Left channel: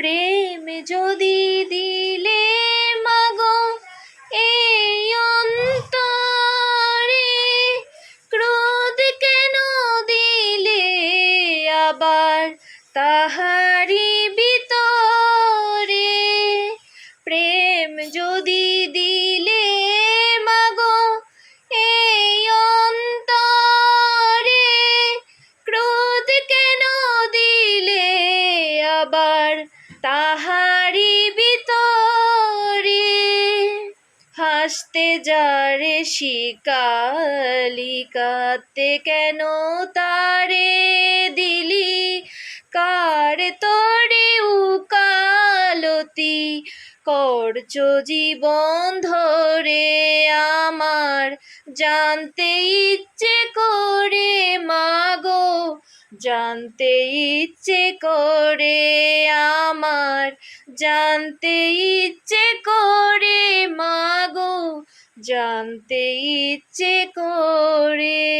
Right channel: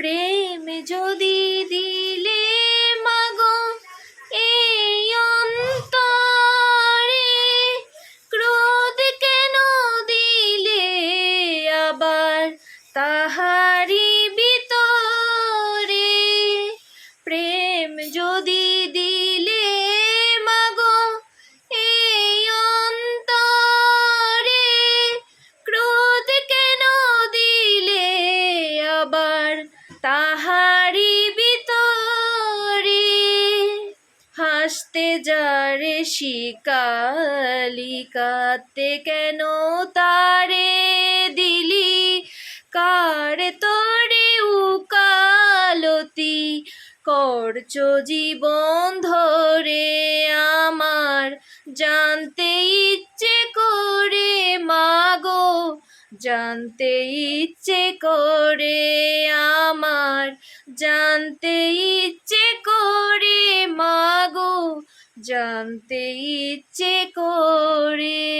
প্রেম যদি দিলে মাগো এই অন্তরে, ক্রোধ কেন দিলে আবার তাহারি ভিতরে? প্রেম যদি দিলে মাগো এই অন্তরে, ক্রোধ কেন দিলে আবার তাহারি ভিতরে? হাসতে যারে শিকালি, কাঁদতে কেন তারে দিলি? কার তরে উকালতি করছো জীবন ধরে? আমার জানতে ইচ্ছে করে মাগো, জানতে ইচ্ছে করে আমার, জানতে ইচ্ছে করে মাগো, জানতে ইচ্ছে করে।